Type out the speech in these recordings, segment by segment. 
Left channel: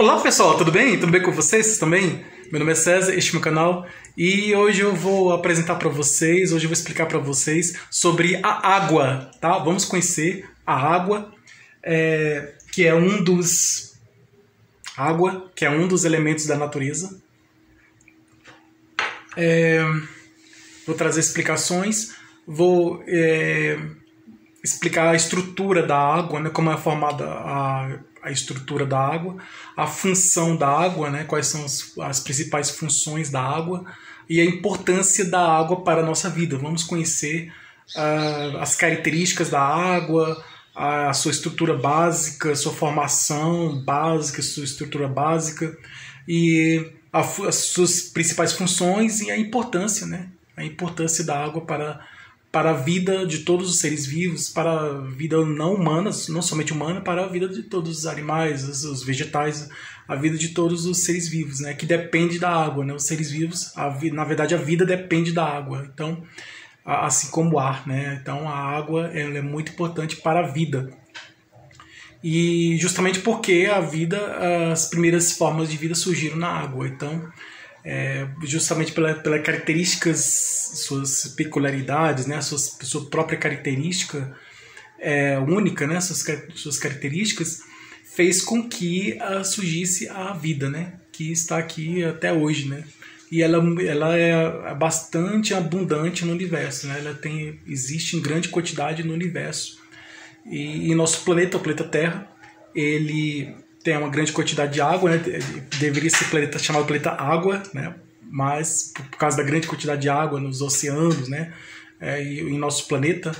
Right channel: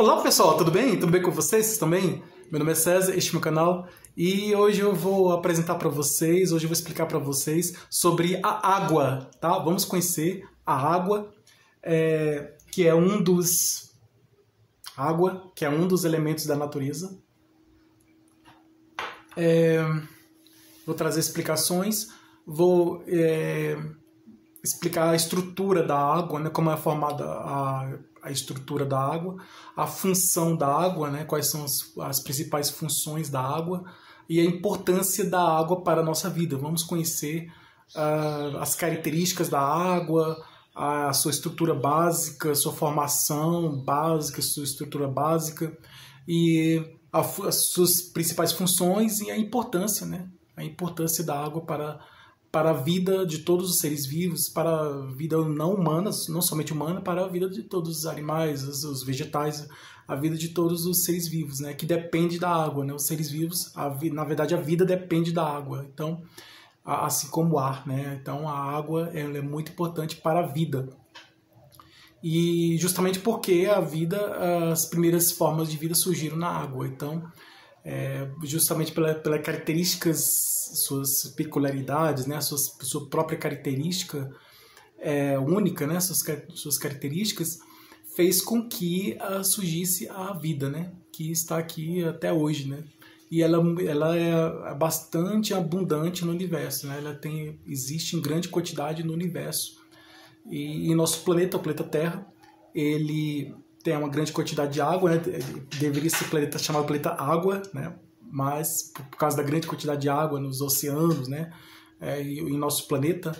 Olá pessoal, tudo bem? Tudo bem com vocês? Vocês também? Meu nome é César, este é meu canal e hoje eu vou apresentar para vocês, hoje eu vou explicar para vocês sobre a água, tá? Vamos conhecer a água, que é um dos elementos da natureza. Vou trazer explicações, vou explicar a estrutura da água, né? Como é formada a estrutura da água, a função da água, né? Quais são as principais funções da água e a importância da água para a nossa vida. Vamos conhecer as características da água, a sua estrutura básica, sua formação básica, sua estrutura básica e as suas principais funções e a importância, né? A importância da água para a vida de todos os seres vivos, para a vida não humana, não somente humana, para a vida de todos os animais, os vegetais, a vida de todos os seres vivos, né? Que depende da água, né? Os seres vivos, na verdade, a vida depende da água. Então, assim como o ar, né? Então, a água ela é muito importante para a vida. E justamente porque as primeiras formas de vida surgiram na água. Então, justamente pelas características, suas peculiaridades, né, sua própria característica única, né, suas características, fez com que surgisse a vida, né, que está aqui até hoje, né, e ela é bastante abundante no universo, né, existe em grande quantidade no universo, e nosso planeta, o planeta Terra, ele tem uma grande quantidade de água, né? Deveria ser chamado planeta Água, né? Mas por causa da grande quantidade de água nos oceanos, né? E em nosso planeta,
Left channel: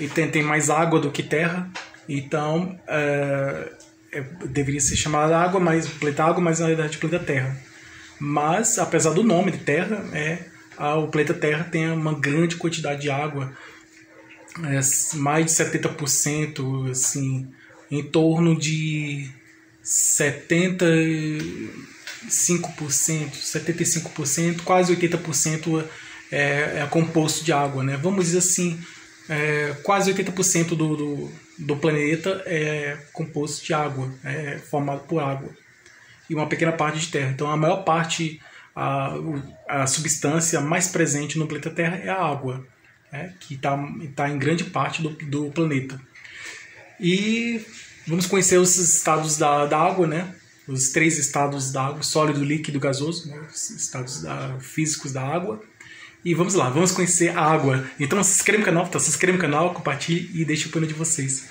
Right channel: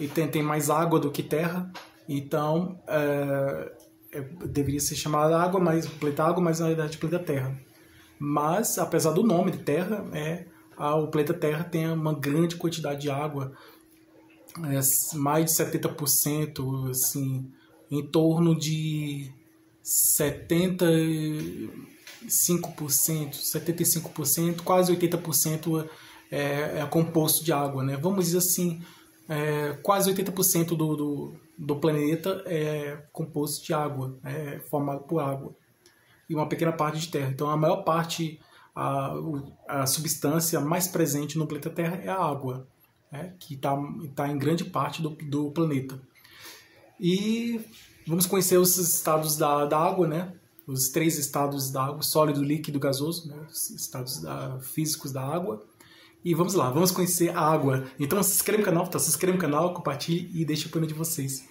e tem mais água do que terra, então deveria ser chamado planeta Água, mas na verdade planeta Terra. Mas apesar do nome de Terra, o planeta Terra tem uma grande quantidade de água, mais de 70%, assim, em torno de 75%, quase 80% é composto de água, né? Vamos dizer assim, quase 80% do planeta é composto de água, é formado por água, e uma pequena parte de terra. Então a maior parte, a substância mais presente no planeta Terra é a água, que está em grande parte do planeta. E vamos conhecer os estados da água, né? Os 3 estados da água: sólido, líquido e gasoso, né? Os estados físicos da água. E vamos lá, vamos conhecer a água. Então se inscreva no canal, se inscreva no canal, compartilhe e deixe o opinião de vocês.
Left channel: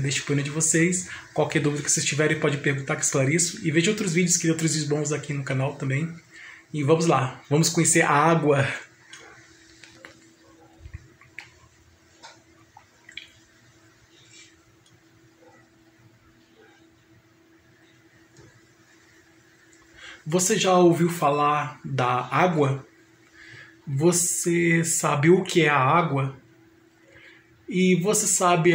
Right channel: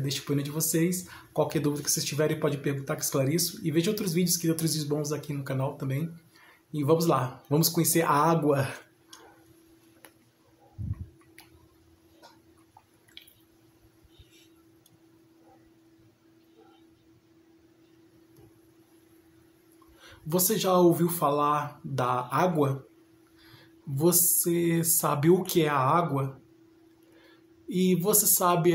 Deixe o opinião de vocês. Qualquer dúvida que vocês tiverem pode perguntar que esclareço. E veja outros vídeos bons aqui no canal também. E vamos lá, vamos conhecer a água. Você já ouviu falar da água? Você sabe o que é a água? E você sabe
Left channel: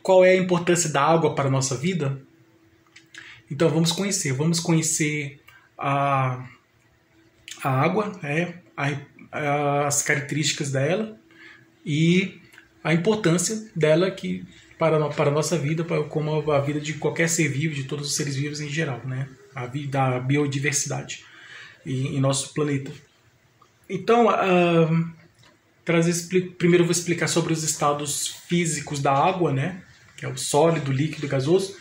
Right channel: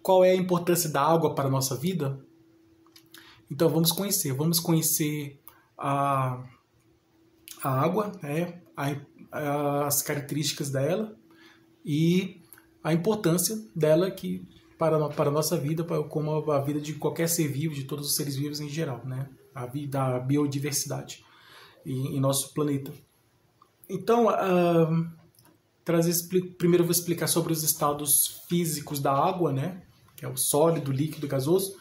qual é a importância da água para a nossa vida? Então vamos conhecer a água, as características dela e a importância dela para a nossa vida, como a vida de qualquer ser vivo, de todos os seres vivos em geral, né? Da biodiversidade em nosso planeta. Então, primeiro eu vou explicar sobre os estados físicos da água, né? Que é o sólido, líquido e gasoso.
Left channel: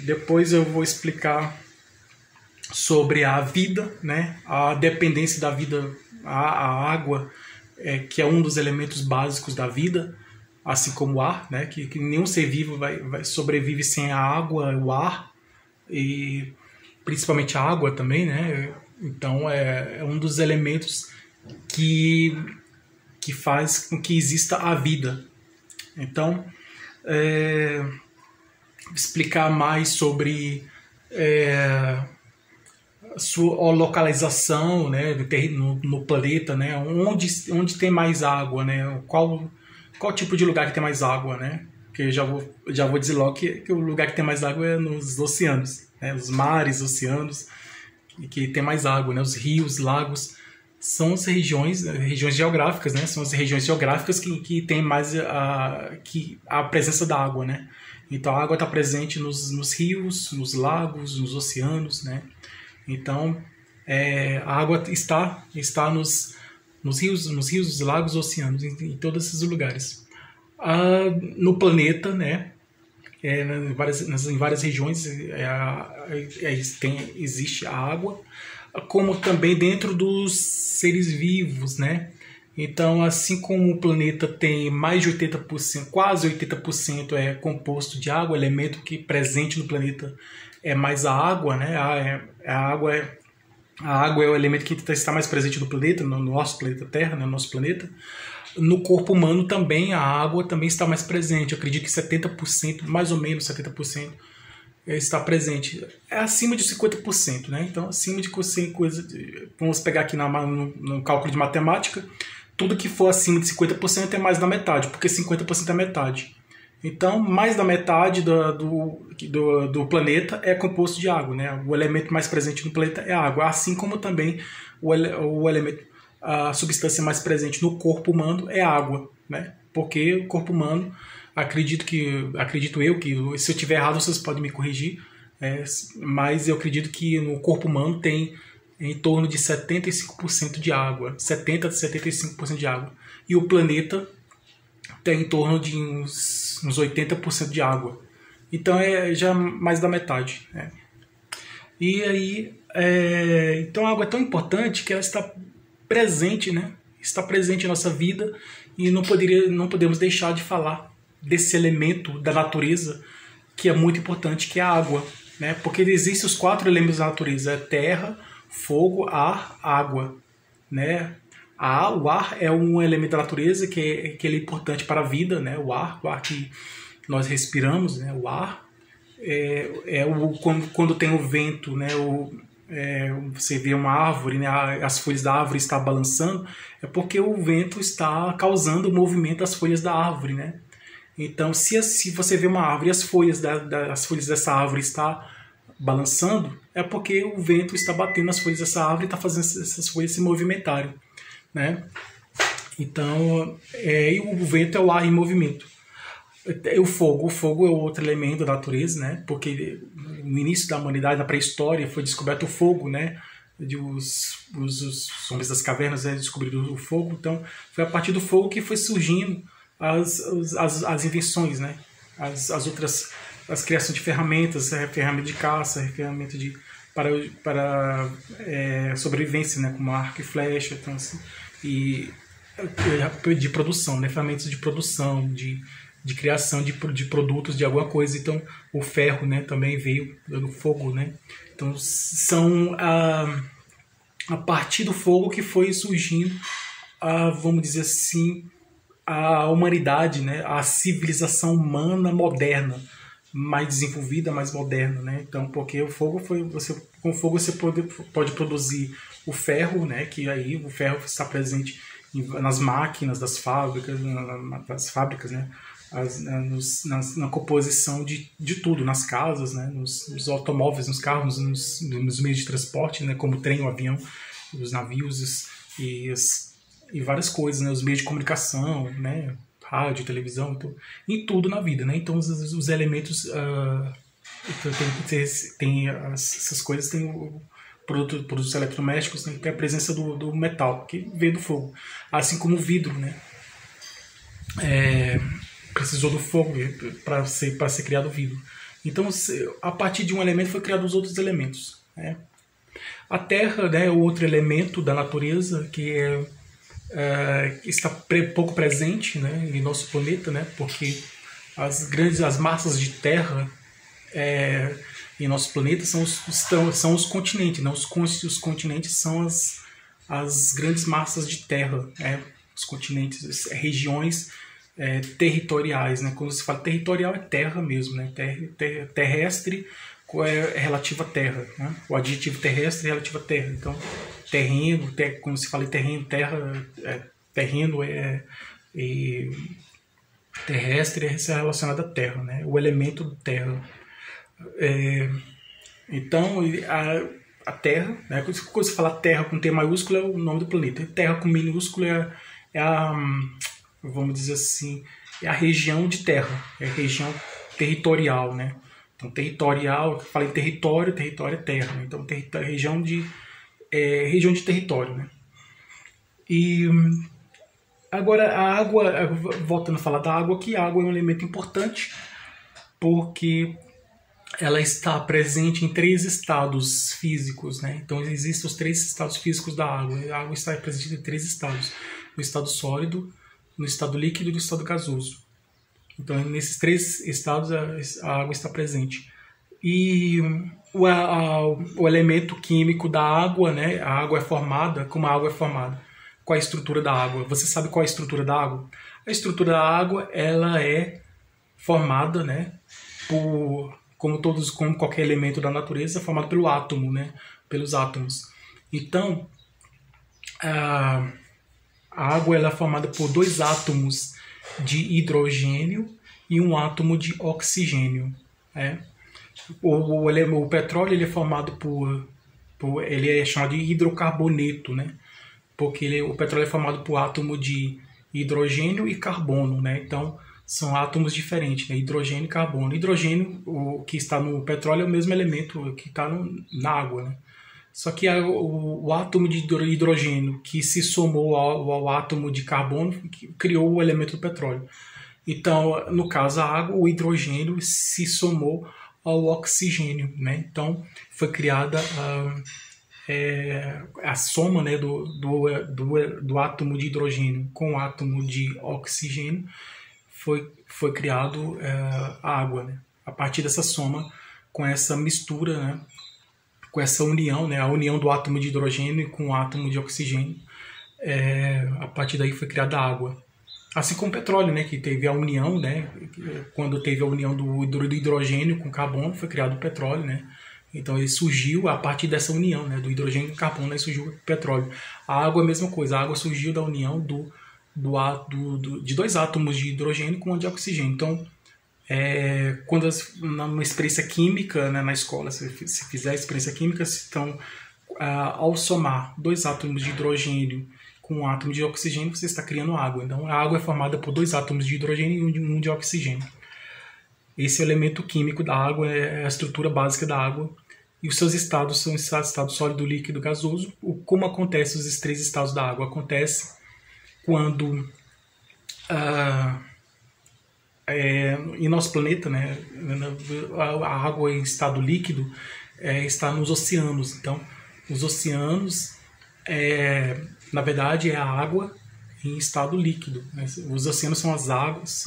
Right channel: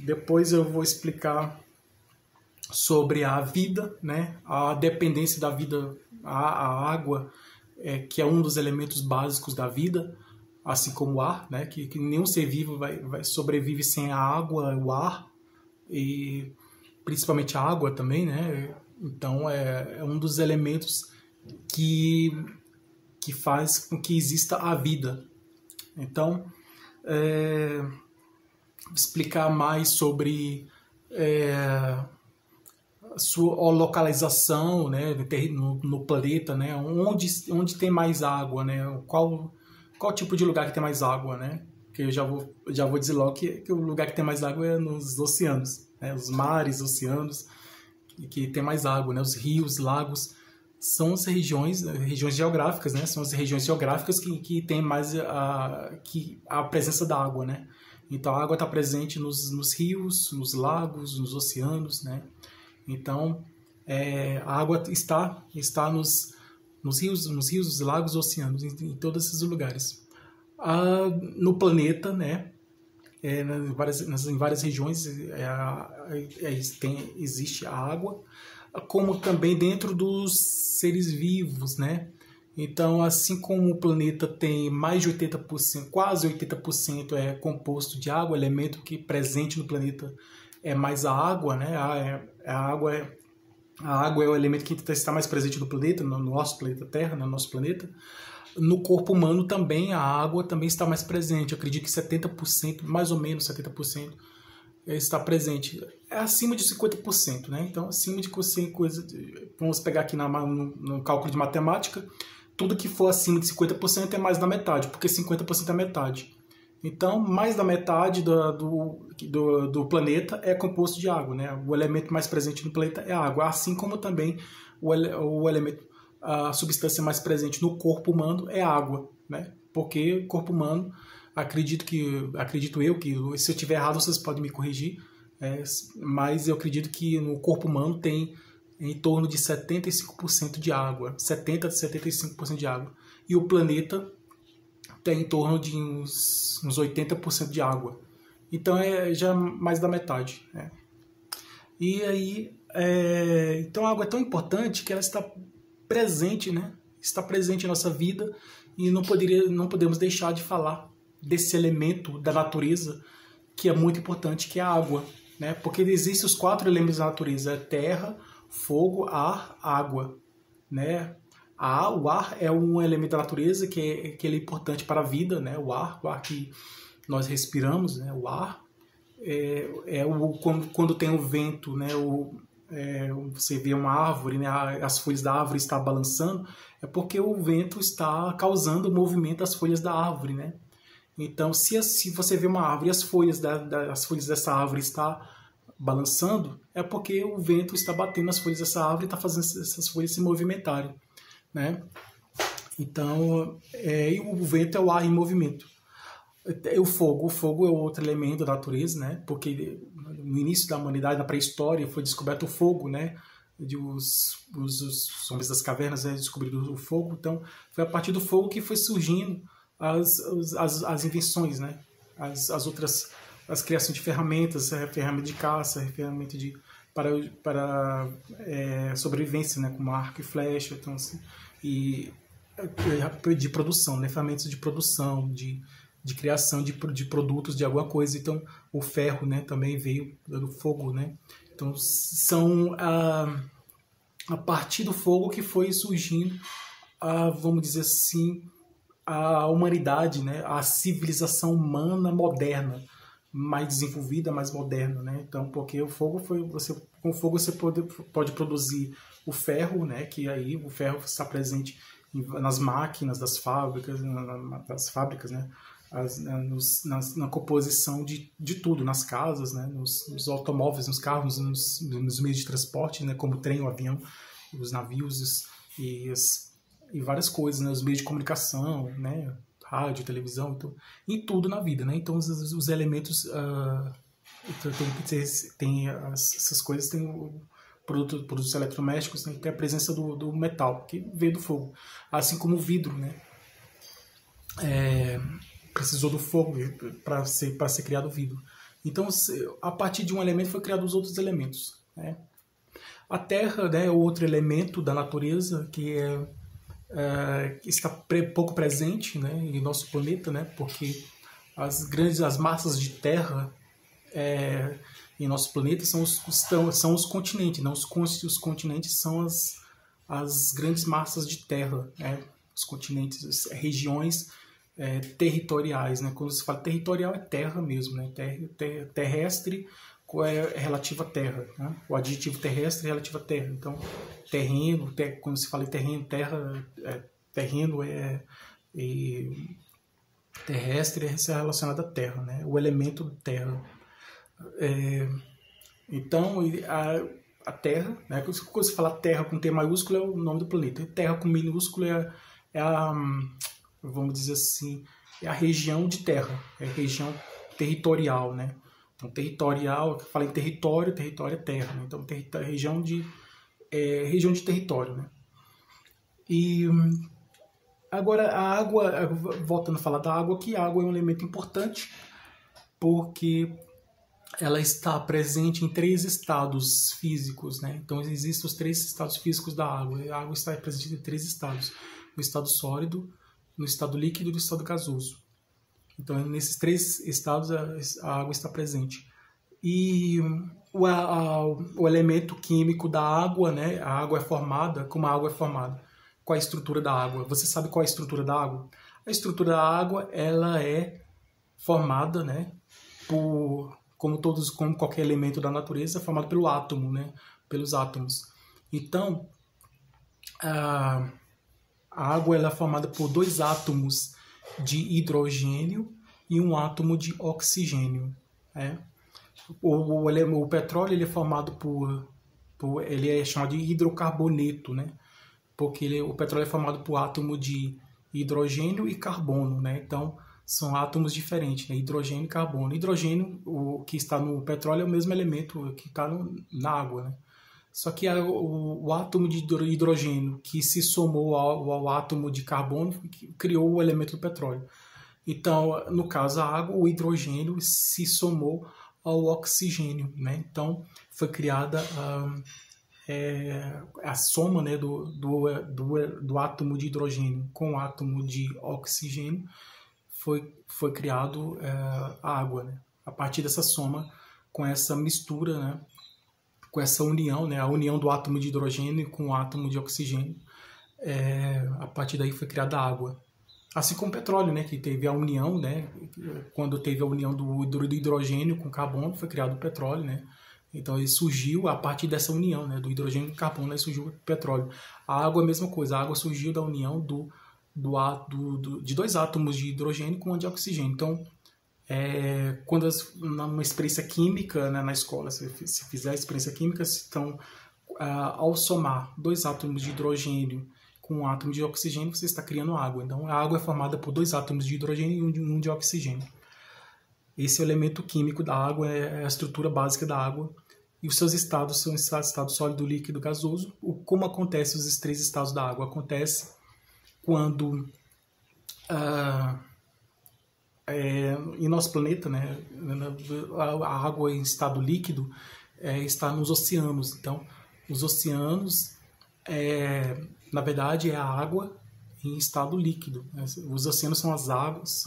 Depois eu vou explicar sobre a vida, né? A dependência da vida, a água, que é um dos elementos básicos da vida, assim como o ar, né? Que nenhum ser vivo sobrevive sem a água, o ar, e principalmente a água também, né? Então é um dos elementos que faz com que exista a vida. Então, explicar mais sobre a sua localização, né, no planeta, né? Onde tem mais água, né? Qual tipo de lugar que tem mais água, né? Porque eu já vou dizer logo que o lugar que tem mais água é nos oceanos, né? Os mares, oceanos, que tem mais água, né? Os rios, lagos, são as regiões geográficas, né? São as regiões geográficas que tem mais a presença da água, né? Então a água está presente nos rios, nos lagos, nos oceanos, né? Então a água está nos rios, nos lagos, oceanos, em todos esses lugares. No planeta, né? Em várias regiões existe a água, como também dentro dos seres vivos, né? Então, assim como o planeta tem mais de 80%, quase 80% é composto de água, o elemento que presente no planeta é mais a água, né? A água é o elemento que está mais presente no planeta, no nosso planeta Terra, no nosso planeta. No corpo humano também a água também está mais presente. Eu acredito que 70%, mais ou menos 70%, está presente. É acima de 50%, né? Então, acima de 50%, vamos pegar aqui no cálculo de matemática, tudo que for acima de 50% é mais da metade, porque 50% é metade. Então, mais da metade do planeta é composto de água, né? O elemento mais presente no planeta é a água, assim como também o elemento, a substância mais presente no corpo humano é a água, né? Porque o corpo humano, acredito eu que, se eu estiver errado, vocês podem me corrigir, mas eu acredito que no corpo humano tem em torno de 75% de água, 70% a 75% de água. E o planeta tem em torno de uns 80% de água. Então é já mais da metade, né? E aí, então a água é tão importante que ela está presente, né? Está presente em nossa vida e não podemos deixar de falar desse elemento da natureza que é muito importante, que é a água, né? Porque existem os 4 elementos da natureza: terra, fogo, ar, água, né? O ar é um elemento da natureza que ele é importante para a vida, né? O ar que nós respiramos, né? O ar quando tem o vento, né? Você vê uma árvore, né? As folhas da árvore estão balançando, é porque o vento está causando o movimento das folhas da árvore, né? Então, se você vê uma árvore e as folhas dessa árvore estão balançando, é porque o vento está batendo nas folhas dessa árvore e está fazendo essas folhas se movimentarem, né? Então, e o vento é o ar em movimento. O fogo é outro elemento da natureza, né? Porque no início da humanidade, na pré-história, foi descoberto o fogo, né? Os homens das cavernas descobriram o fogo. Então, foi a partir do fogo que foi surgindo as invenções, né? As criações de ferramentas, ferramenta de caça, ferramenta para sobrevivência, né? Como arco e flecha, então, assim, e de produção, né? Ferramentas de produção, de criação de produtos de alguma coisa. Então, o ferro, né? Também veio do fogo, né? Então, são a partir do fogo que foi surgindo, vamos dizer assim, a humanidade, né? A civilização humana moderna, mais desenvolvida, mais moderna, né? Então, porque o fogo com o fogo você pode produzir o ferro, né? Que aí o ferro está presente nas máquinas das fábricas, né? Na composição de tudo, nas casas, né? Nos automóveis, nos carros, nos meios de transporte, né? Como o trem, o avião, os navios e várias coisas, né? Os meios de comunicação, né? Rádio, televisão, então, em tudo na vida, né? Então os elementos tem essas coisas, tem produtos eletrodomésticos, né? Que é a presença do metal, que veio do fogo, assim como o vidro, né? Precisou do fogo para ser criado o vidro. Então, a partir de um elemento foi criado os outros elementos, né? A Terra, né, é o outro elemento da natureza que está pouco presente, né, em nosso planeta, né, porque as massas de terra em nosso planeta são os continentes, né? Os continentes são as grandes massas de terra, né? Os continentes, regiões territoriais, né? Quando se fala territorial é terra mesmo, né? Terrestre é relativo à terra, né? O adjetivo terrestre é relativo à terra. Então, terreno, quando se fala em terreno, terreno terrestre é relacionado à terra, né? O elemento terra. Então, a Terra, né? Quando se fala Terra com T maiúsculo, é o nome do planeta. Terra com minúsculo vamos dizer assim, é a região de terra, é a região territorial, né? Então, territorial, fala em território, território é terra, né? Então, região de território, né? E agora, a água, voltando a falar da água aqui, a água é um elemento importante porque ela está presente em 3 estados físicos, né? Então, existem os 3 estados físicos da água. A água está presente em 3 estados: no estado sólido, no estado líquido e no estado gasoso. Então, nesses 3 estados, a água está presente. E o elemento químico da água, né? A água é formada, como a água é formada? Qual é a estrutura da água? Você sabe qual é a estrutura da água? A estrutura da água, ela é formada, né? Como qualquer elemento da natureza, formado pelo átomo, né? Pelos átomos. Então, a água ela é formada por 2 átomos de hidrogênio e um átomo de oxigênio, né? O petróleo ele é formado ele é chamado de hidrocarboneto, né? Porque o petróleo é formado por átomo de hidrogênio e carbono, né? Então, são átomos diferentes, né? Hidrogênio e carbono. Hidrogênio, o que está no petróleo, é o mesmo elemento que está na água, né? Só que o átomo de hidrogênio que se somou ao átomo de carbono criou o elemento do petróleo. Então, no caso, a água, o hidrogênio se somou ao oxigênio, né? Então, foi criada a soma, né, do átomo de hidrogênio com o átomo de oxigênio, foi criado a água, né? A partir dessa soma, com essa mistura, né? Com essa união, né? A união do átomo de hidrogênio com o átomo de oxigênio, a partir daí foi criada a água. Assim como o petróleo, né? Que teve a união, né? Quando teve a união do hidrogênio com o carbono, foi criado o petróleo, né? Então ele surgiu a partir dessa união, né? Do hidrogênio com o carbono, aí surgiu o petróleo. A água é a mesma coisa, a água surgiu da união de 2 átomos de hidrogênio com um de oxigênio. Então, quando numa experiência química, né, na escola, se fizer experiência química, então, ao somar 2 átomos de hidrogênio com um átomo de oxigênio, você está criando água. Então, a água é formada por 2 átomos de hidrogênio e um de oxigênio. Esse é o elemento químico da água, é a estrutura básica da água. E os seus estados são estado sólido, líquido, gasoso. Como acontece os 3 estados da água? Acontece quando em nosso planeta, né, a água em estado líquido está nos oceanos. Então, os oceanos, na verdade, é a água em estado líquido, né? Os oceanos são as águas,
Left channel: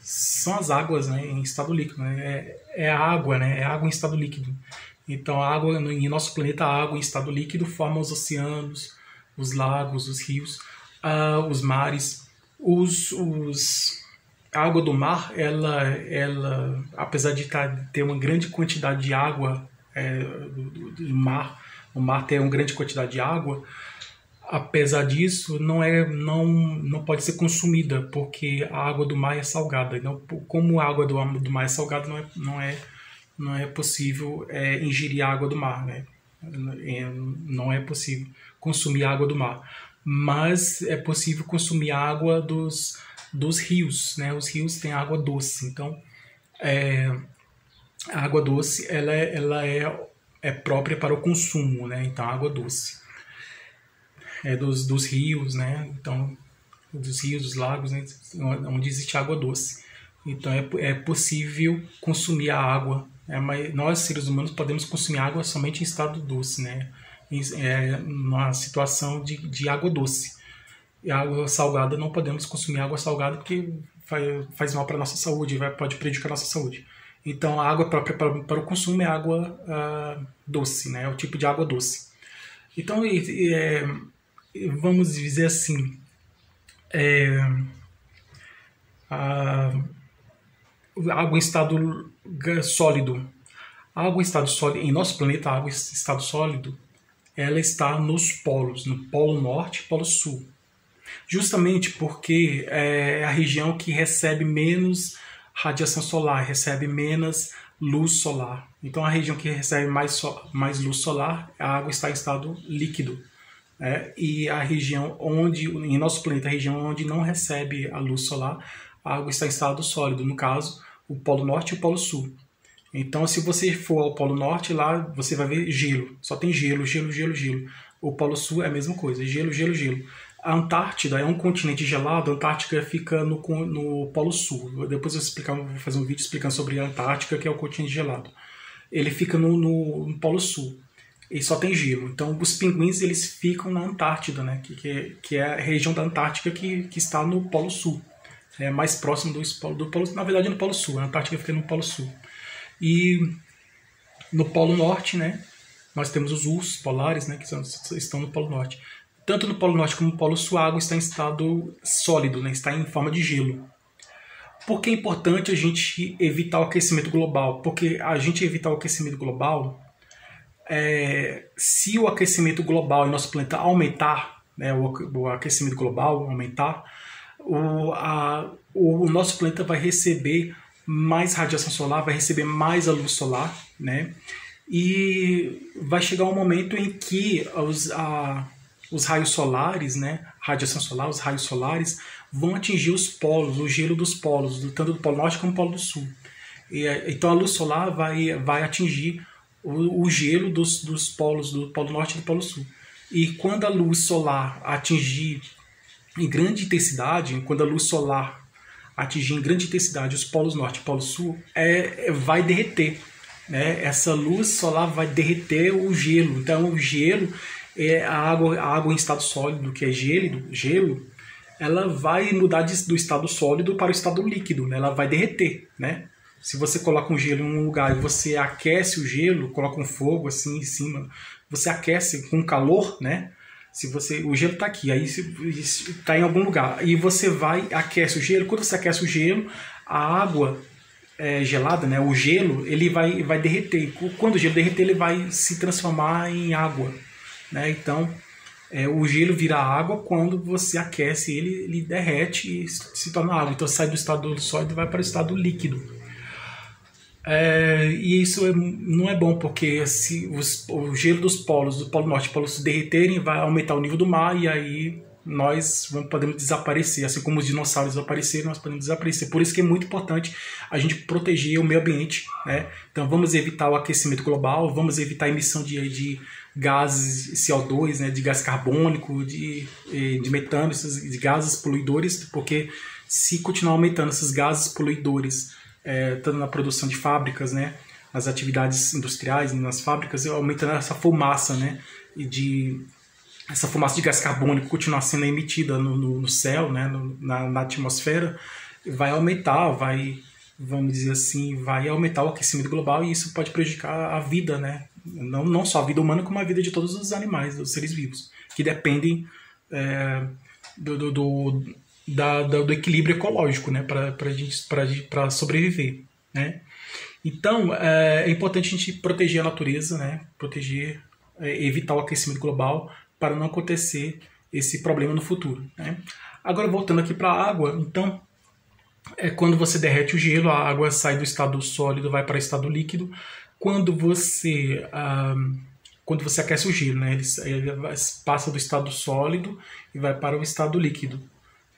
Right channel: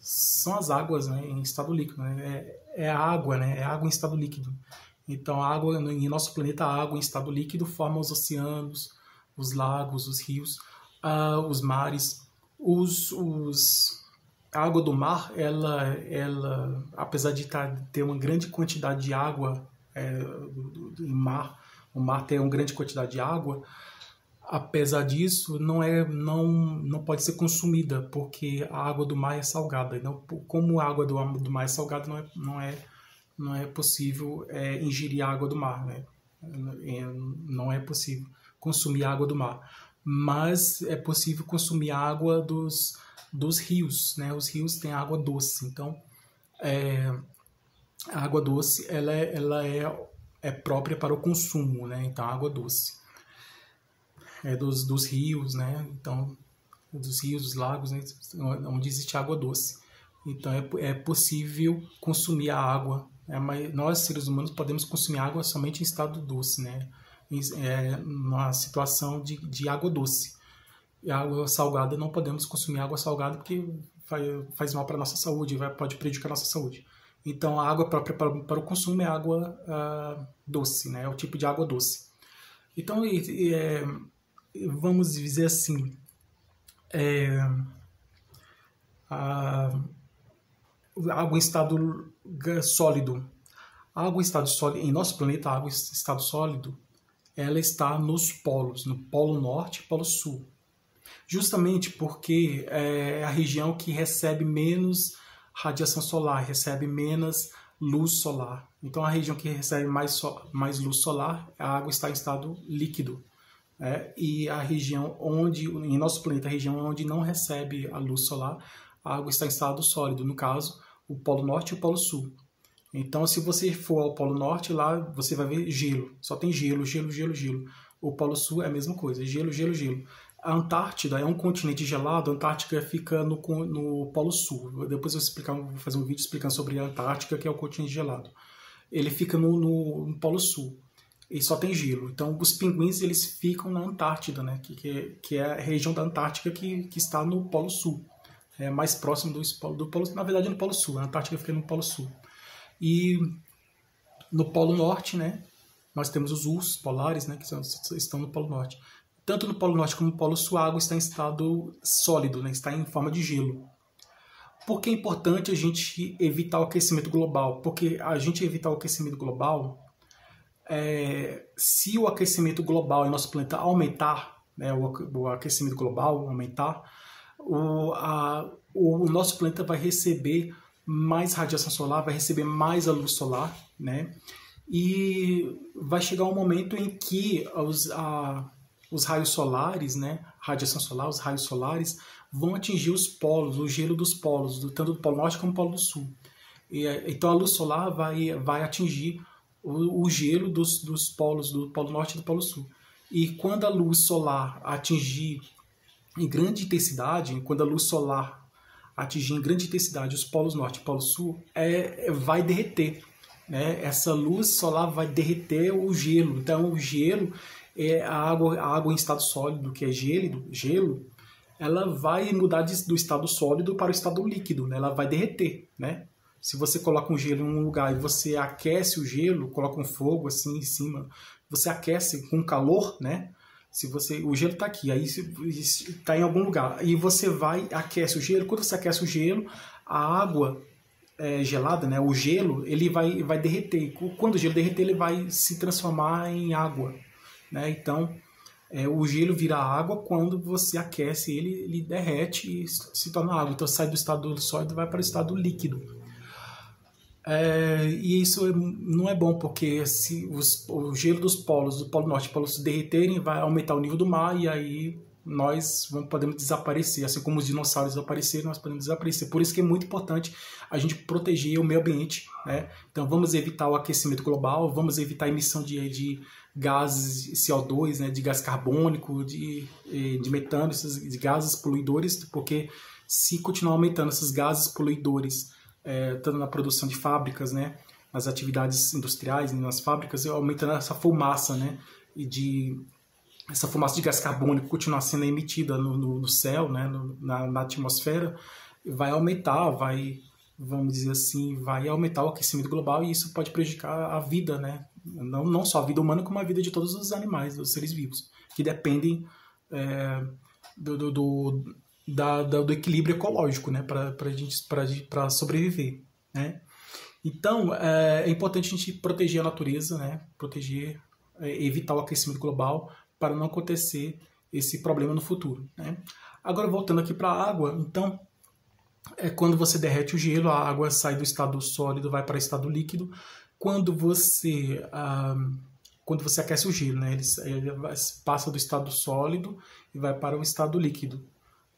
são as águas, né, em estado líquido, né? É a água, né? É a água em estado líquido. Então, a água em nosso planeta, a água em estado líquido forma os oceanos, os lagos, os rios, os mares, a água do mar, ela apesar de ter uma grande quantidade de água do mar, o mar tem uma grande quantidade de água, apesar disso, não pode ser consumida, porque a água do mar é salgada. Então, como a água do mar é salgada, não é possível ingerir a água do mar, né? Não é possível consumir a água do mar. Mas é possível consumir a água dos rios, né? Os rios têm água doce. Então, a água doce ela é própria para o consumo, né? Então, a água doce dos rios, né? Então, dos rios, dos lagos, né? Onde existe água doce. Então, é possível consumir a água, né? Mas nós, seres humanos, podemos consumir água somente em estado doce, né? Numa situação de água doce. E a água salgada, não podemos consumir água salgada porque faz mal para a nossa saúde, pode prejudicar a nossa saúde. Então, a água própria para o consumo é água doce, né? É o tipo de água doce. Então, vamos dizer assim, a água em estado sólido. A água em estado sólido, em nosso planeta, a água em estado sólido, ela está nos polos, no Polo Norte e Polo Sul. Justamente porque é a região que recebe menos radiação solar, recebe menos luz solar. Então, a região que recebe mais luz solar, a água está em estado líquido. E a região em nosso planeta, a região onde não recebe a luz solar, a água está em estado sólido. No caso, o Polo Norte e o Polo Sul. Então, se você for ao Polo Norte, lá você vai ver gelo. Só tem gelo, gelo, gelo, gelo. O Polo Sul é a mesma coisa, gelo, gelo, gelo. A Antártida é um continente gelado, a Antártica fica no Polo Sul. Depois eu vou fazer um vídeo explicando sobre a Antártica, que é o continente gelado. Ele fica no Polo Sul e só tem gelo. Então, os pinguins eles ficam na Antártida, né? que é a região da Antártica que está no Polo Sul. É mais próximo do Polo, na verdade, no Polo Sul. A Antártica fica no Polo Sul. E no Polo Norte, né, nós temos os ursos polares, né, que estão no Polo Norte. Tanto no Polo Norte como no Polo Sul, a água está em estado sólido, né, está em forma de gelo. Por que é importante a gente evitar o aquecimento global? Porque a gente evitar o aquecimento global, se o aquecimento global em nosso planeta aumentar, né, o aquecimento global aumentar, o nosso planeta vai receber mais radiação solar, vai receber mais a luz solar, né? E vai chegar um momento em que os raios solares, né? Radiação solar, os raios solares vão atingir os polos, o gelo dos polos, tanto do Polo Norte como do Polo Sul. Então a luz solar vai atingir o gelo dos polos, do Polo Norte e do Polo Sul. E quando a luz solar atingir em grande intensidade, quando a luz solar atingir em grande intensidade os polos norte e polo sul, vai derreter, né? Essa luz solar vai derreter o gelo. Então o gelo, a água em estado sólido, que é gelo, ela vai mudar do estado sólido para o estado líquido, né? Ela vai derreter, né? Se você coloca um gelo em um lugar e você aquece o gelo, coloca um fogo assim em cima, você aquece com calor, né? O gelo está aqui, aí está em algum lugar, e você aquece o gelo. Quando você aquece o gelo, a água gelada, né, o gelo, ele vai derreter. Quando o gelo derreter, ele vai se transformar em água, né? Então, o gelo vira água. Quando você aquece ele derrete e se torna água. Então, sai do estado sólido e vai para o estado líquido. E isso não é bom, porque se o gelo dos polos, do Polo Norte e Polo Sul derreterem, vai aumentar o nível do mar, e aí nós podemos desaparecer. Assim como os dinossauros apareceram, nós podemos desaparecer. Por isso que é muito importante a gente proteger o meio ambiente, né? Então vamos evitar o aquecimento global, vamos evitar a emissão de gases CO2, né? De gás carbônico, de metano, de gases poluidores, porque se continuar aumentando esses gases poluidores, tanto na produção de fábricas, né, as atividades industriais nas fábricas, aumentando essa fumaça, né, essa fumaça de gás carbônico continuar sendo emitida no céu, né, na atmosfera, vai aumentar, vamos dizer assim, vai aumentar o aquecimento global, e isso pode prejudicar a vida, né, não só a vida humana, como a vida de todos os animais, dos seres vivos, que dependem do equilíbrio ecológico, né, para sobreviver, né? Então é importante a gente proteger a natureza, né, evitar o aquecimento global para não acontecer esse problema no futuro, né? Agora voltando aqui para a água, então quando você derrete o gelo, a água sai do estado sólido, vai para o estado líquido. Quando você aquece o gelo, né, ele passa do estado sólido e vai para o estado líquido,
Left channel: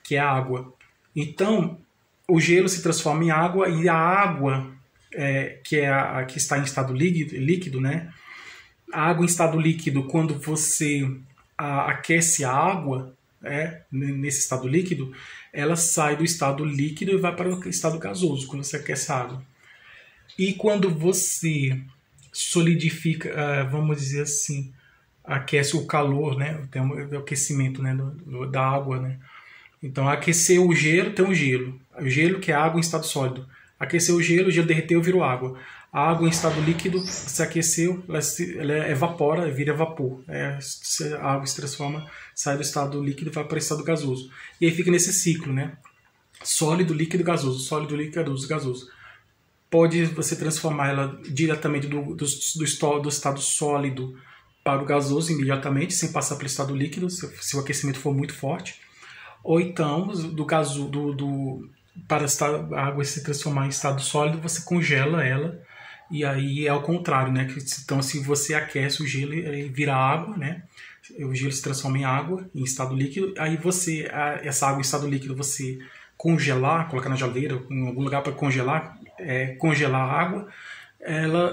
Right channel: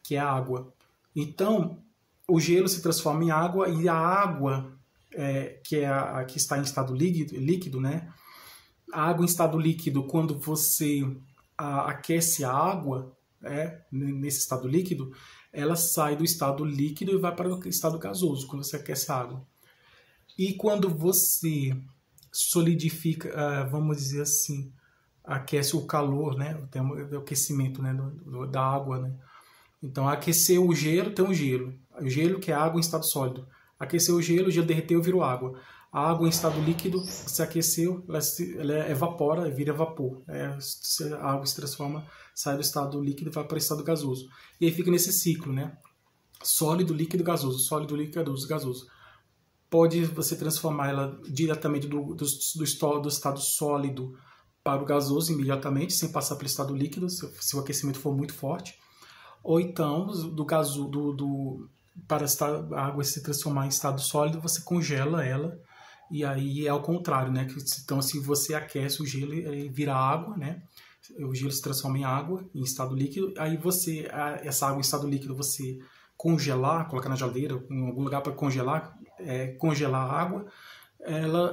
que é a água. Então, o gelo se transforma em água, e a água, que está em estado líquido, né? A água em estado líquido, quando você aquece a água, nesse estado líquido, ela sai do estado líquido e vai para o estado gasoso, quando você aquece a água. E quando você solidifica, vamos dizer assim, aquece o calor, né? Tem o aquecimento, né, da água, né? Então, aquecer o gelo, tem o gelo. O gelo, que é água em estado sólido. Aquecer o gelo derreteu, virou água. A água em estado líquido, se aqueceu, ela evapora, vira vapor. A água se transforma, sai do estado líquido e vai para o estado gasoso. E aí fica nesse ciclo, né? Sólido, líquido, gasoso. Sólido, líquido, gasoso. Pode você transformar ela diretamente do estado sólido para o gasoso imediatamente, sem passar pelo estado líquido, se o aquecimento for muito forte. Ou então, para a água se transformar em estado sólido, você congela ela, e aí é ao contrário, né? Então, se você aquece o gelo, ele vira água, né? O gelo se transforma em água, em estado líquido. Aí essa água em estado líquido, você congelar, colocar na geladeira, em algum lugar para congelar, congelar a água,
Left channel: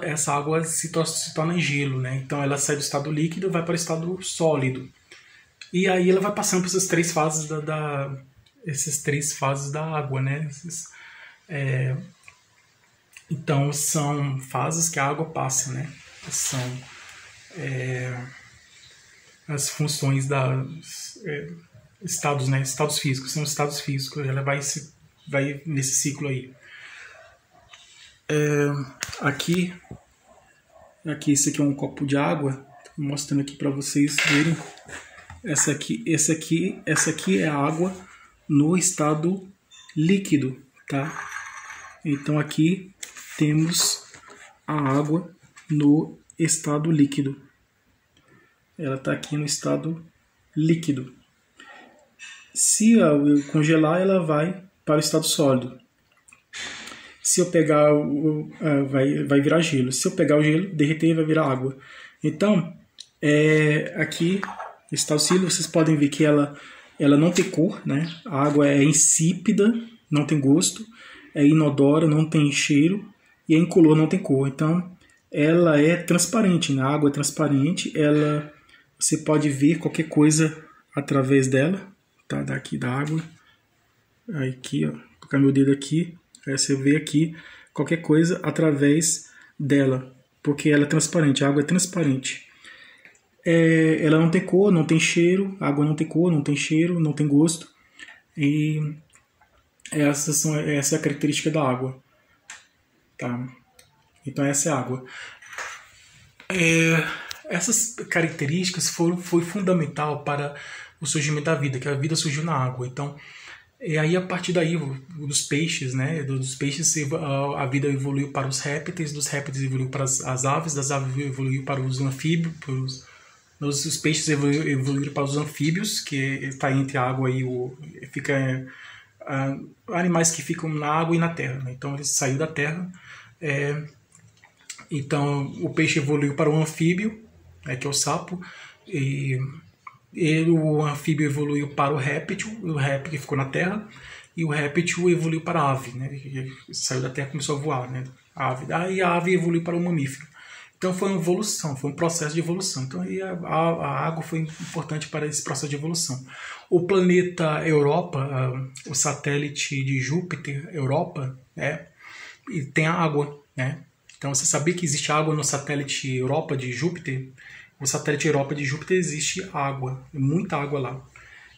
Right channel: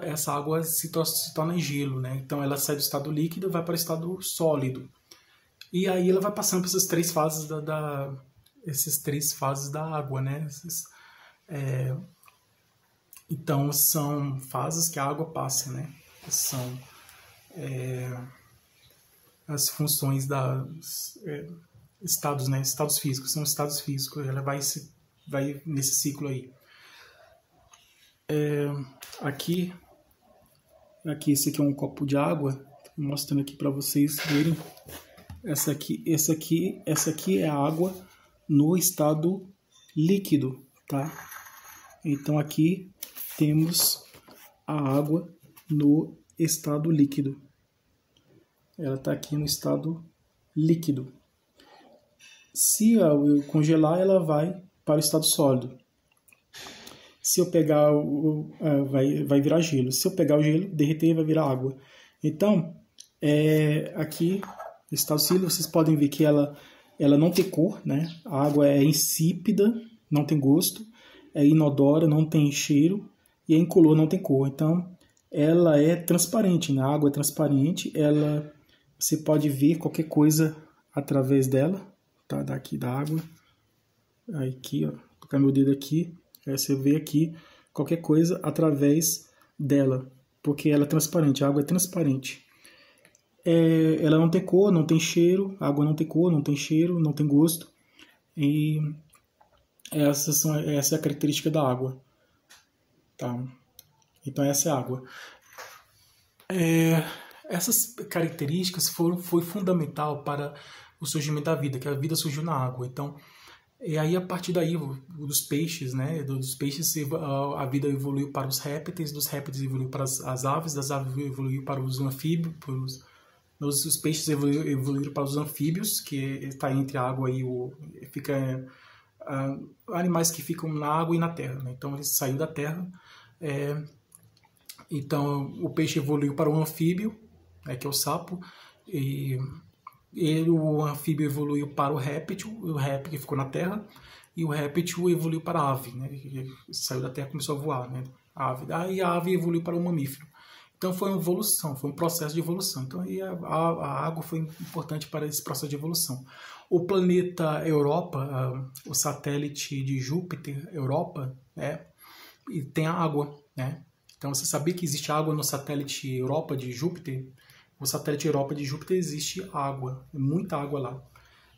essa água se torna gelo, né? Então ela sai do estado líquido e vai para o estado sólido. E aí ela vai passando por essas três fases da água, né? Então são fases que a água passa, né? São as funções das estados, né? Estados físicos, são estados físicos. Ela vai nesse ciclo aí. Aqui esse aqui é um copo de água, tô mostrando aqui para vocês verem. Essa aqui é a água no estado líquido, tá? Então aqui temos a água no estado líquido. Ela está aqui no estado líquido. Se eu congelar, ela vai para o estado sólido. Se eu pegar, vai virar gelo. Se eu pegar o gelo, derreter, vai virar água. Então, aqui, estado sólido, vocês podem ver que ela não tem cor, né? A água é insípida, não tem gosto, é inodora, não tem cheiro, e é incolor, não tem cor. Então, ela é transparente, né? A água é transparente, você pode ver qualquer coisa através dela, tá? Daqui da água. Aqui, ó, vou colocar meu dedo aqui, aí você vê aqui qualquer coisa através dela, porque ela é transparente, a água é transparente. Ela não tem cor, não tem cheiro, a água não tem cor, não tem cheiro, não tem gosto. E essa é a característica da água. Tá? Então essa é a água. Essas características foi fundamental para o surgimento da vida, que a vida surgiu na água. Então, aí a partir daí, dos peixes, né? Dos peixes a vida evoluiu para os répteis, dos répteis evoluiu para as aves, das aves evoluiu para os anfíbios, os peixes evoluíram para os anfíbios, que está entre a água e animais que ficam na água e na terra, né? Então eles saíram da terra. Então o peixe evoluiu para o anfíbio, que é o sapo, e o anfíbio evoluiu para o réptil que ficou na terra, e o réptil evoluiu para a ave, né? Saiu da terra e começou a voar, né? Aí a ave evoluiu para o mamífero. Então foi uma evolução, foi um processo de evolução. Então aí a água foi importante para esse processo de evolução. O planeta Europa, o satélite de Júpiter, Europa, e tem a água, né? Então você sabia que existe água no satélite Europa de Júpiter? O satélite Europa de Júpiter existe água, muita água lá.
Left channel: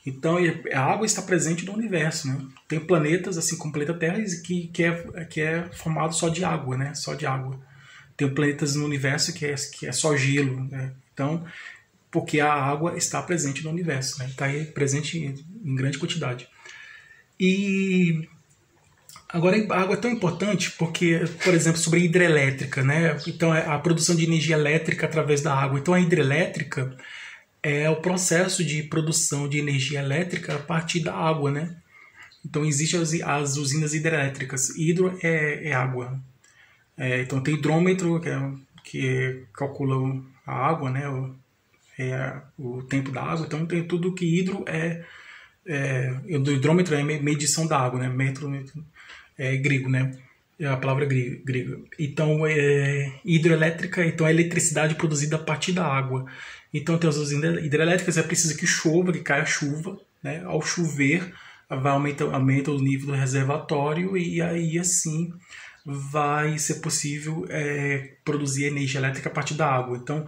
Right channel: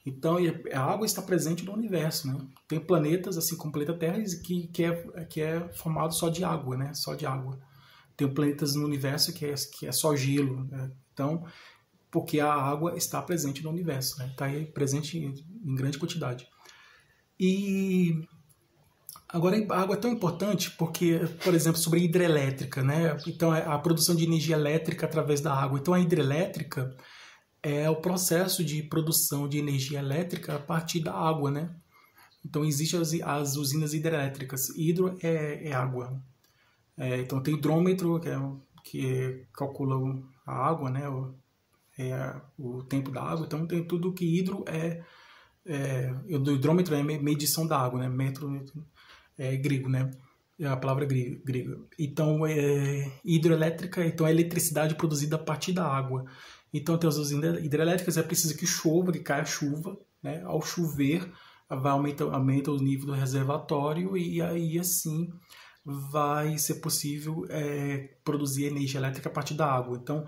Então a água está presente no universo, né? Tem planetas, assim como o planeta Terra, que é formado só de água, né? Só de água. Tem planetas no universo que é só gelo, né? Então, porque a água está presente no universo, né? Está aí presente em grande quantidade. E agora a água é tão importante porque, por exemplo, sobre a hidrelétrica, né? Então, a produção de energia elétrica através da água. Então, a hidrelétrica é o processo de produção de energia elétrica a partir da água, né? Então, existem as usinas hidrelétricas. Hidro é água. Então tem hidrômetro, que calcula a água, né? O tempo da água. Então tem tudo que hidro do hidrômetro é medição da água, né? Metro é grego, né? É a palavra grega. Então hidroelétrica, então é eletricidade produzida a partir da água. Então tem as usinas hidrelétricas, é preciso que chova, que caia chuva, né? Ao chover aumenta o nível do reservatório e aí assim vai ser possível produzir energia elétrica a partir da água. Então,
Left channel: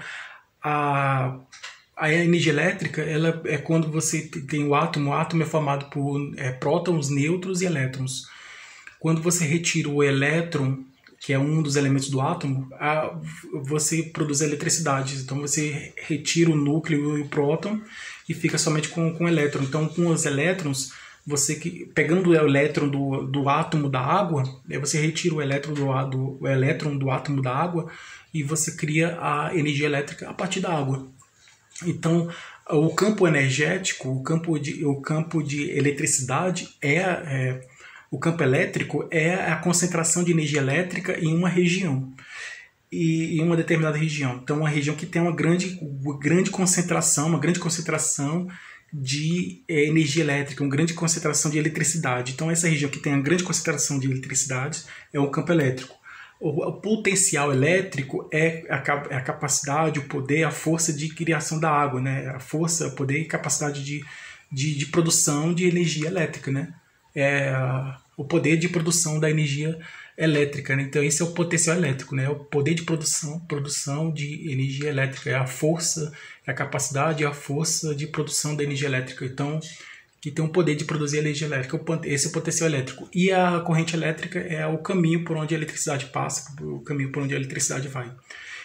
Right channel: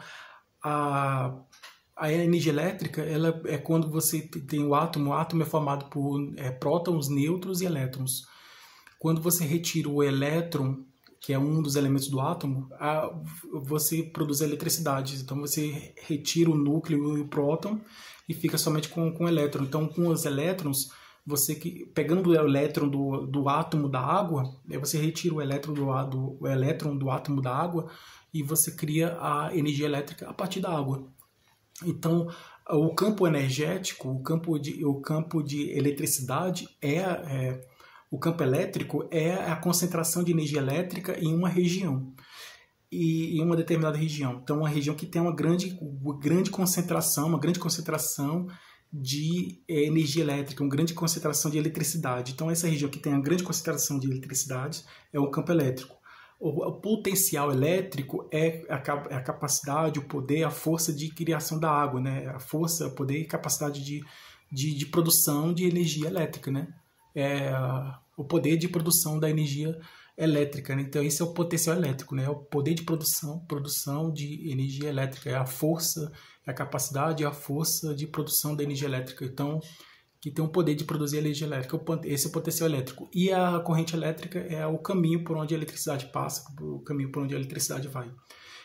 a energia elétrica ela é quando você tem o átomo é formado por prótons, nêutrons e elétrons. Quando você retira o elétron, que é um dos elementos do átomo, você produz eletricidade. Então, você retira o núcleo e o próton e fica somente com o elétron. Então, com os elétrons, pegando o elétron do átomo da água, você retira o elétron do átomo da água e você cria a energia elétrica a partir da água. Então, o campo energético, o campo de eletricidade o campo elétrico é a concentração de energia elétrica em uma região, em uma determinada região. Então, uma região que tem uma grande concentração de energia elétrica, uma grande concentração de eletricidade. Então, essa região que tem uma grande concentração de eletricidade é um campo elétrico. O potencial elétrico é a capacidade, o poder, a força de criação da água, né? A força, o poder e capacidade de produção de energia elétrica, né? O poder de produção da energia elétrica, né? Então esse é o potencial elétrico, né? O poder de produção de energia elétrica, é a força, é a capacidade, é a força de produção da energia elétrica. Então, que tem o poder de produzir energia elétrica, esse é o potencial elétrico. E a corrente elétrica é o caminho por onde a eletricidade passa, o caminho por onde a eletricidade vai.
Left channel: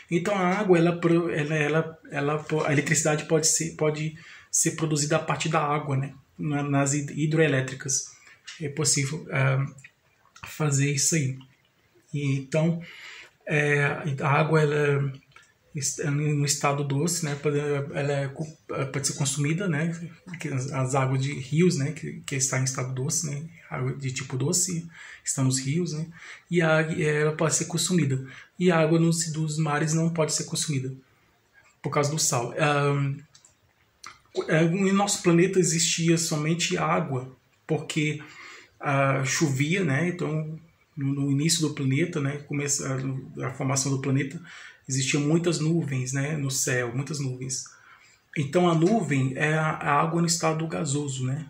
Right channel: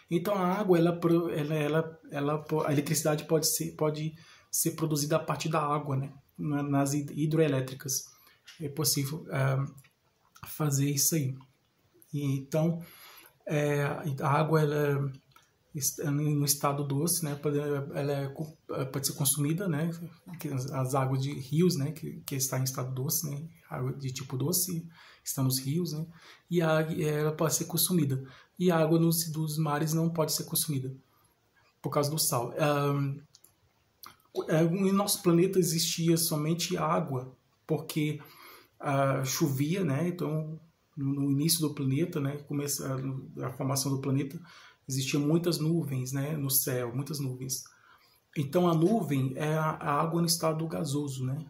Então a água, a eletricidade pode ser produzida a partir da água, né? Nas hidroelétricas. É possível fazer isso aí. E, então, a água no estado doce, né, pode ser consumida, né, as águas de rios, né, que está em estado doce, né, água de tipo doce estão nos rios, né, e ela pode ser consumida. E a água dos mares não pode ser consumida por causa do sal. No nosso planeta existia somente água, porque chovia, né, então no início do planeta, né, a formação do planeta, existiam muitas nuvens, né, no céu, muitas nuvens. Então a nuvem é a água no estado gasoso, né?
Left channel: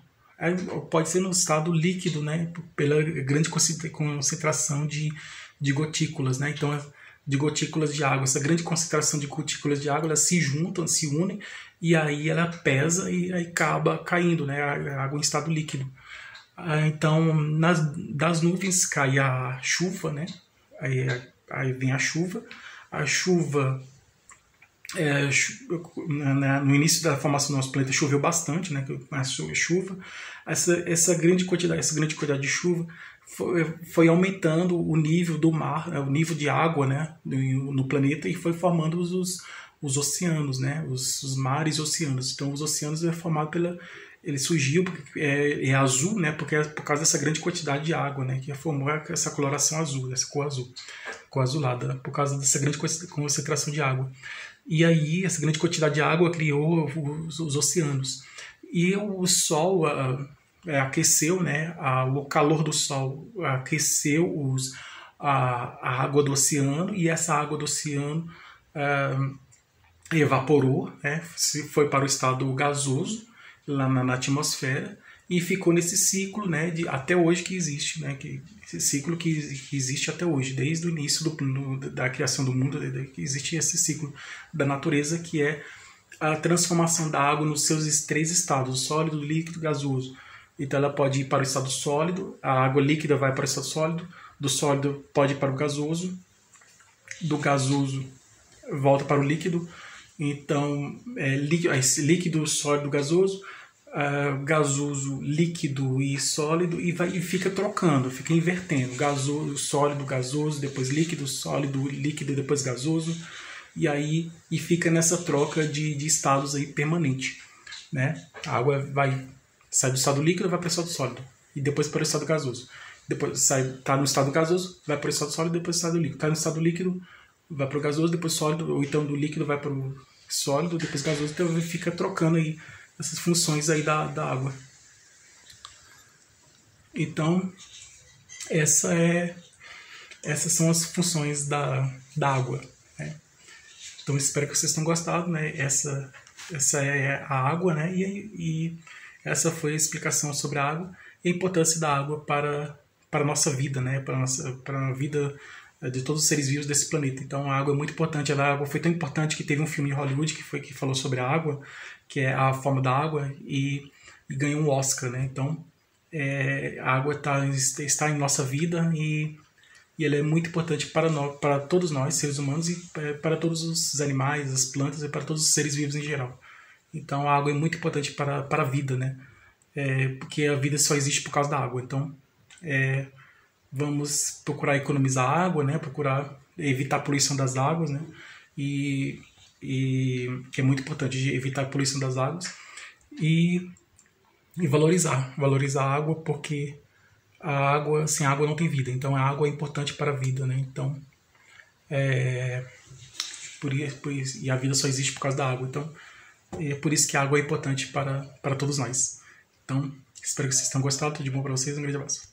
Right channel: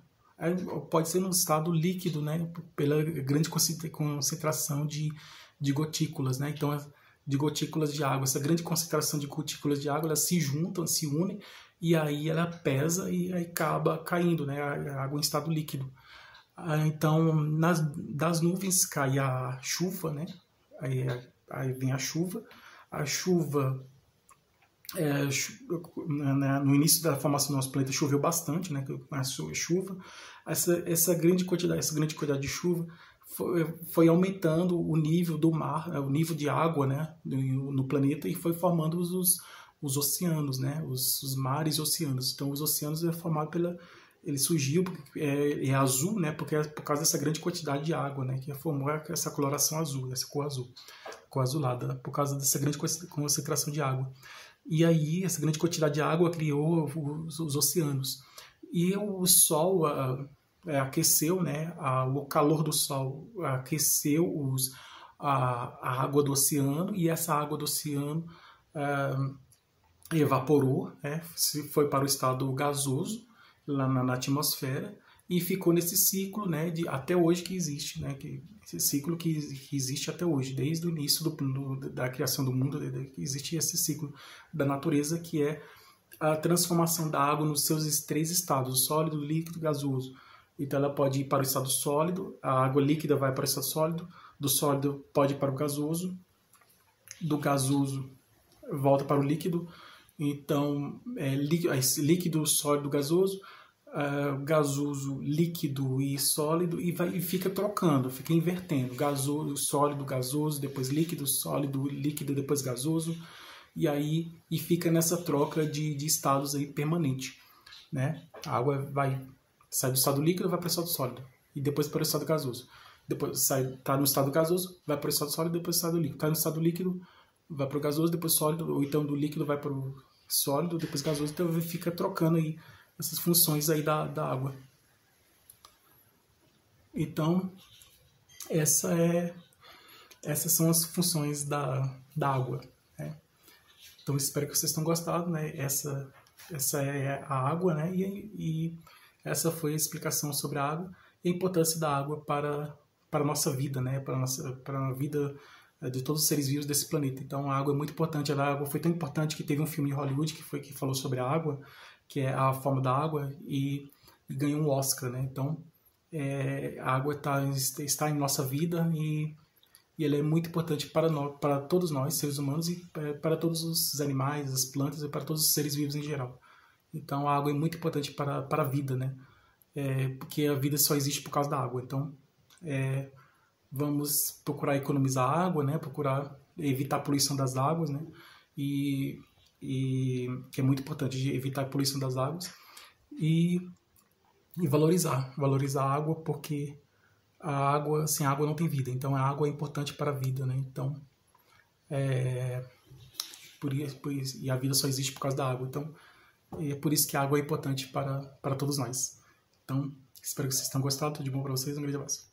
Pode ser no estado líquido, né, pela grande concentração de gotículas, né? Então de gotículas de água, essa grande concentração de gotículas de água, elas se juntam, se unem e aí ela pesa e aí acaba caindo, né, a água em estado líquido. Então das nuvens cai a chuva, né? Aí vem a chuva. A chuva, no início da formação do nosso planeta choveu bastante, né? A chuva, essa grande quantidade de chuva foi aumentando o nível do mar, o nível de água, né, no planeta, e foi formando os oceanos, né? Os mares e oceanos. Então os oceanos é formado ele surgiu porque é azul, né? Porque é por causa dessa grande quantidade de água, né? Que formou essa coloração azul, essa cor azulada, né? Por causa dessa grande concentração de água. E aí essa grande quantidade de água criou os oceanos. E o Sol aqueceu, né? O calor do Sol aqueceu a água do oceano, e essa água do oceano evaporou, né? Foi para o estado gasoso lá na atmosfera e ficou nesse ciclo, né, até hoje que existe, né, esse ciclo que existe até hoje, desde o início da criação do mundo, que existe esse ciclo da natureza, que é a transformação da água nos seus 3 estados, sólido, líquido e gasoso. Então ela pode ir para o estado sólido, a água líquida vai para o estado sólido, do sólido pode ir para o gasoso, do gasoso volta para o líquido. Então, líquido, sólido, gasoso, gasoso, líquido e sólido, e fica trocando, fica invertendo, gasoso, sólido, gasoso, depois líquido, sólido, líquido, depois gasoso, e fica nessa troca de estados aí permanente, né? A água sai do estado líquido, vai para o estado sólido, e depois para o estado gasoso. Depois está no estado gasoso, vai para o estado sólido, depois para o estado líquido. Está no estado líquido, vai para o gasoso, depois sólido, ou então do líquido vai para o sólido, depois gasoso. Então fica trocando aí essas funções aí da água. Então essas são as funções da água, né? Então espero que vocês tenham gostado, né? Essa é a água, né? E essa foi a explicação sobre a água e a importância da água para a nossa vida, né? Para a vida de todos os seres vivos desse planeta. Então a água é muito importante. A água foi tão importante que teve um filme em Hollywood que falou sobre a água, que é A Forma da Água, e ganhou um Oscar, né? Então a água está em nossa vida e ela é muito importante para todos nós, seres humanos, e para todos os animais, as plantas e para todos os seres vivos em geral. Então a água é muito importante para a vida, né? Porque a vida só existe por causa da água. Então vamos procurar economizar água, né? Procurar evitar a poluição das águas, né? E que é muito importante evitar a poluição das águas e valorizar a água, porque sem água não tem vida. Então a água é importante para a vida, né? Então por isso, e a vida só existe por causa da água. Então E é por isso que a água é importante para todos nós. Então, espero que vocês tenham gostado. Tudo de bom para vocês. Um grande abraço.